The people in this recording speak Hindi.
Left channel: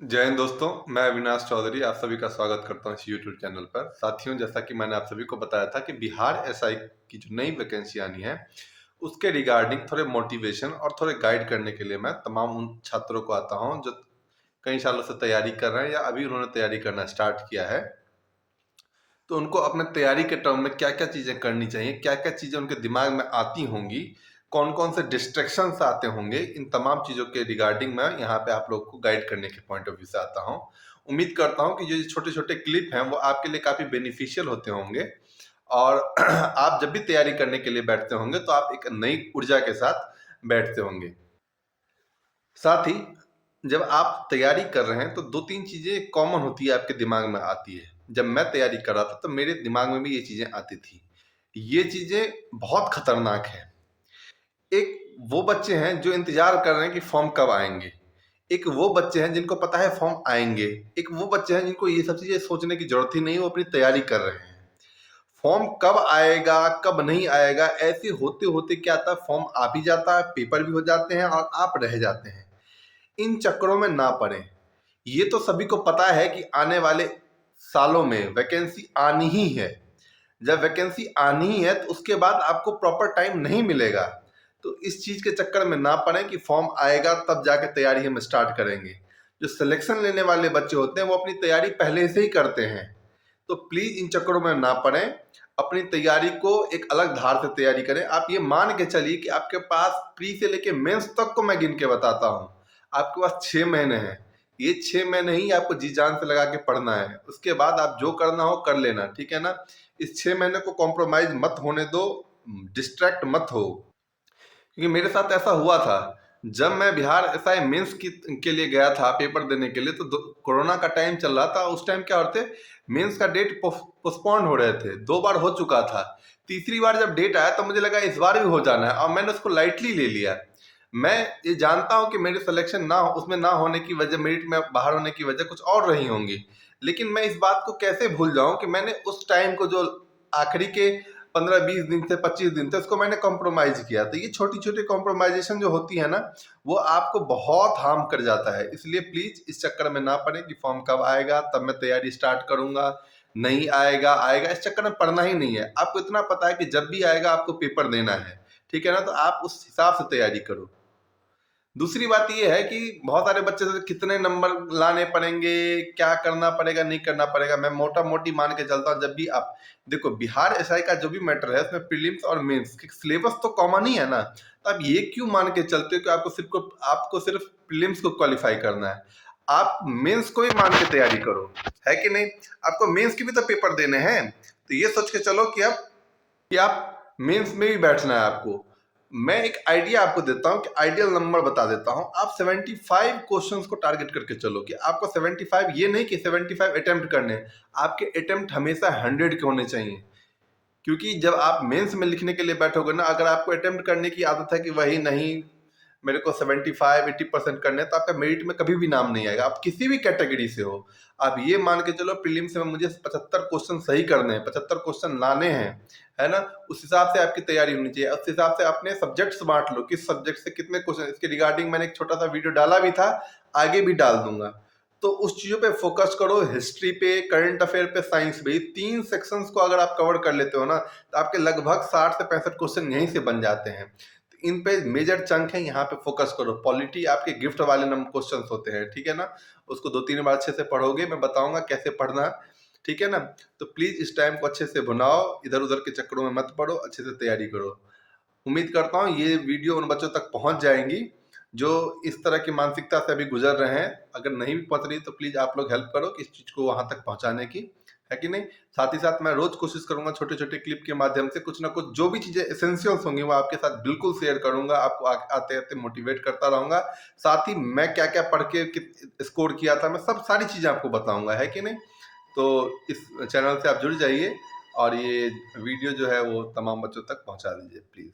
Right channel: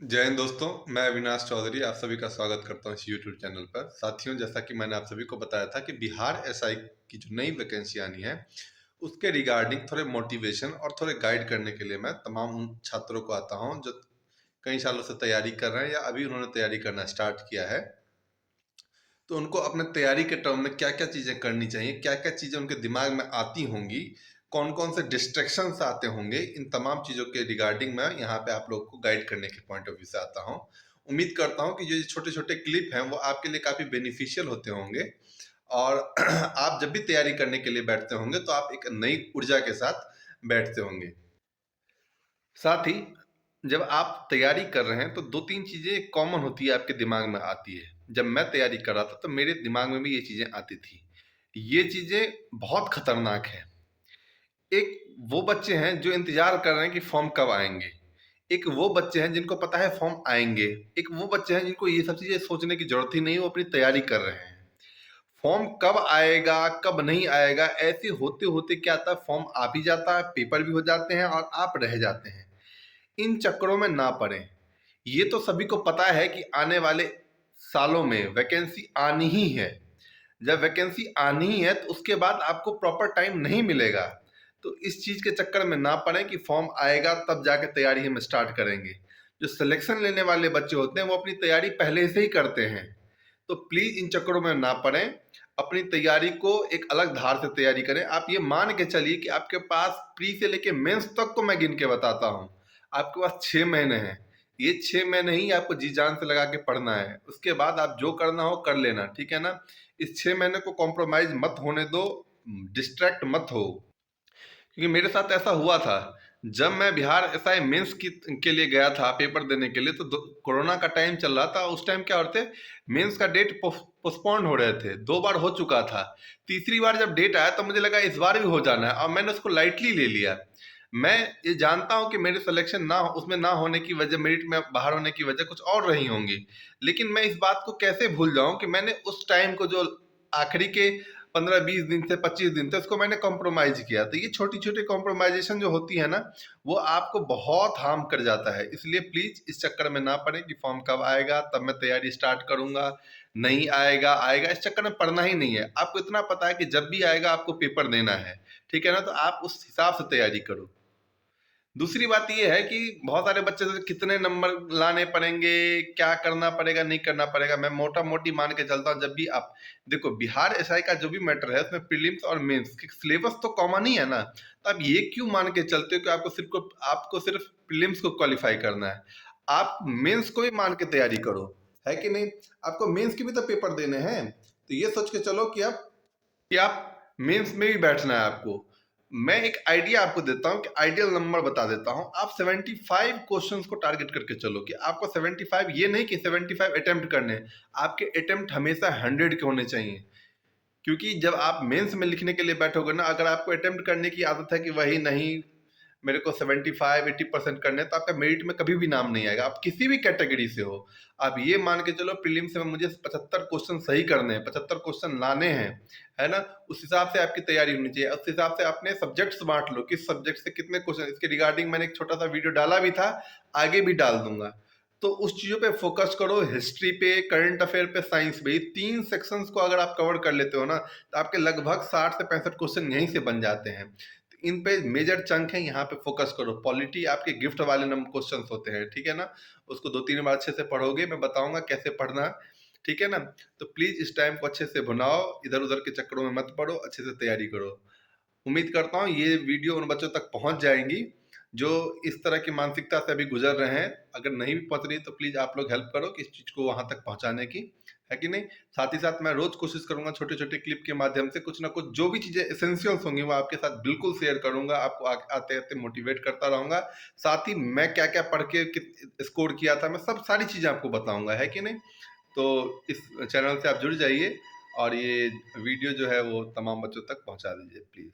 जय हिंद दोस्तों, मैं अविनाश चौधरी आप सभी का स्वागत करता हूं इस यूट्यूब चैनल पर। साथियों, जैसा कि मैंने आप सभी को बताया था कि बिहार एसआई की जो नई वैकेंसी आनी है, उसके रिगार्डिंग थोड़े मोटिवेशन और थोड़े गाइड करने के लिए मैं तमाम उन छात्रों को आता हूं जो कई सालों से तैयारी कर रहे हैं या अभी उन्होंने तैयारी करना स्टार्ट किया है। तो उनको अपने तैयारी के टर्म में क्या-क्या चीज़ें करनी चाहिए, क्या-क्या चीज़ें उनके दिमाग में आती होंगी, कौन-कौन से डिस्ट्रैक्शंस आते होंगे, इन तमाम चीज़ों के रिगार्डिंग मैं यहाँ पे आप लोग को गाइड करने के पॉइंट ऑफ व्यू से आता हूँ। उम्मीद करता हूँ कि ये छोटे-छोटे क्लिप हैं, वो आपके लिए काफ़ी बेनिफिशियल होते होंगे और आप जब भी तैयारी करने के लिए बैठते होंगे, तो आप एक नई ऊर्जा के साथ बैठते होंगे। साथ ही जब आप तैयारी कर रहे हैं तो 2-3 चीज़ें कॉमन होती है आपके दिमाग में आती है। जब मैं तैयारी कर रहा था तो मेरे दिमाग में भी ये चीज़ें आती थी। ये चीज़ें बहुत खतरनाक हैं। एक वो बच्चे हैं जो इंतज़ार कर रहे हैं कि फॉर्म कब आएँगे। एक वो बच्चे हैं जिनको पता है फॉर्म आएँगे। एक वो बच्चे हैं जिनको ये सब चीज़ें सोचने की ज़रूरत ही नहीं है, वो अपनी तैयारी कर रहे हैं। फॉर्म कब आएगा, कब नहीं आएगा, ऐसे होते-होते क्या होता है फॉर्म आ भी जाता है, पेपर भी हो जाते हैं और आप रह जाते हैं। इन चक्करों में ना पड़ें। ये तो सभी को पता है कि आने वाले सालों में वैकेंसी आनी ही है। जब वैकेंसी आनी ही है तो उसके बाद आपको प्रॉपर टाइम नहीं मिलेगा। तो इस चीज़ के चक्कर में ना पड़ें कि फॉर्म आएगा तब जाके तैयारी हम स्टार्ट करेंगे। जो सिलेक्शन लेने वाले बच्चे होते हैं वो अपनी तैयारी पहले से ही करते हैं। तो प्लीज़ इन चक्करों में ना पड़ें। अपनी तैयारी को एक अलग धार से तैयारी करें। आप ये मान के चलिए कि आपके पास प्री से लेके मेंस तक को मैं गिन के बताता हूँ। आपके पास 6 महीने हैं। ये 6 महीने ही आपको जी जान से लगा के पढ़ना है। उसके बाद आप जो करना हो कर लेना, ठीक है ना? इस 6 महीने को कॉम्प्रोमाइज़ मत होने दो, डिस्ट्रैक्ट मत हो। क्योंकि मेरे साथ ऐसा हुआ था। जब मैं बिहार एसआई मेंस के लिए गया था पेपर देने के लिए तो कोरोना का टाइम चल रहा था। उस टाइम क्या हो रहे थे, मेंस का डेट पोस्टपोन्ड हो रहे थे। 2 बार हो चुका था। तीसरी बार जब डेट आया तो मुझे लगा इस बार भी हो जाना है और मैंने उसको लाइटली ले लिया। मैं ये जानता हूँ कि मेरे सिलेक्शन ना हो, उसमें ना होने की वजह, मेरिट में बाहर होने की वजह कुछ और रही होंगी। लेकिन मैं इस बात को कैसे भूल जाऊँ कि मैंने उस टाइम को जो आखिरी के 15-20 दिन थे, 25 दिन थे, उसको मैंने कॉम्प्रोमाइज़ किया। तो ये छोटी-छोटी कॉम्प्रोमाइज़ेशन जो होती है ना, वो आपको बहुत हार्म कर जाता है। इसलिए प्लीज़ इस चक्कर में ना पड़ें कि फॉर्म कब आएगा, तब मैं तैयारी स्टार्ट करूँगा, नहीं आएगा, आएगा, इस चक्कर में पड़ना ही नहीं है। आपको इतना पता है कि जब भी आएगा आपको पेपर देना है, ठीक है ना? तो आप उस हिसाब से तैयारी करो। दूसरी बात ये है कि बहुत सारे बच्चे से कितने नंबर लाने पड़ेंगे, क्या करना पड़ेगा, नहीं करना पड़ेगा। मैं मोटा-मोटी मान के चलता हूँ, जब भी आप देखो बिहार एसआई का जो भी मैटर है उसमें प्रीलिम्स और मेंस कि सिलेबस तो कॉमन ही है ना। तो आप ये क्यों मान के चलते हो कि आपको सिर्फ प्रीलिम्स को क्वालीफाई करना है। आप मेंस को ही मान के तैयारी करो, है कि नहीं? आपको मेंस के भी तो पेपर देने हैं। तो ये सोच के चलो कि आप मेंस में भी बैठना है आपको। मैं एक आइडिया आपको देता हूँ कि आइडियल नंबर बता देता हूँ। आप 75 क्वेश्चंस को टारगेट करके चलो कि आपको 75, ये नहीं कि 75 अटेम्प्ट करने हैं। आपके अटेम्प्ट हमेशा 100 के होने चाहिए। क्योंकि जब आप मेंस में लिखने के लिए बैठोगे ना, अगर आपको अटेम्प्ट करने की आदत है कि वही नहीं, मेरे को 75-80% करने हैं, तो आपका मेरिट में कभी भी नाम नहीं आएगा। आप किसी भी कैटेगरी से हो। आप ये मान के चलो प्रीलिम्स में मुझे 75 क्वेश्चन सही करने हैं, 75 क्वेश्चन लाने हैं, है ना? उस हिसाब से आपकी तैयारी होनी चाहिए। उस हिसाब से अपने सब्जेक्ट्स बाँट लो, किस सब्जेक्ट से कितने क्वेश्चन, इसके रिगार्डिंग मैंने एक छोटा-सा वीडियो डाला भी था, आगे भी डाल दूँगा। तो उस चीज़ों पे फ़ोकस करो, हिस्ट्री पे, करंट अफेयर पे, साइंस पे। ये 3 सेक्शंस को अगर आप कवर कर लेते हो ना, तो आपके लगभग 60 से 65 क्वेश्चन यहीं से बन जाते हैं। तो इन पे मेजर चंक है, यहाँ पे फ़ोकस करो। पॉलिटी आपके गिफ्ट वाले क्वेश्चंस होते हैं, ठीक है ना? उसको 2-3 बार अच्छे से पढ़ोगे, मैं बताऊँगा कैसे पढ़ना है, ठीक है ना? तो प्लीज़ इस टाइम को अच्छे से भुनाओ, इधर-उधर के चक्करों में मत पड़ो, अच्छे से तैयारी करो। उम्मीद करता हूँ ये वीडियो उन बच्चों तक पहुँच जाएँगी, जो इस तरह की मानसिकता से अभी गुज़र रहे हैं। अगर नहीं भी पहुँच रही तो प्लीज़ आप लोग हेल्प करो कि इस चीज़ को वहाँ तक पहुँचाने की, है कि नहीं? साथ ही साथ मैं रोज़ कोशिश करूँगा छोटे-छोटे क्लिप के माध्यम से कुछ न कुछ जो भी चीज़ें एसेंशियल्स होंगी वो आपके साथ बिल्कुल शेयर करूँगा, आपको आते-आते मोटिवेट करता रहूँगा। साथ ही मैं क्या-क्या पढ़ के स्कोर किया था, मैं सब सारी चीज़ें आपको बताऊँगा, है कि नहीं? तो इस चैनल से आप जुड़ जाइए और ये वीडियो जो है वो तमाम बच्चों तक पहुँचा दीजिए प्लीज़।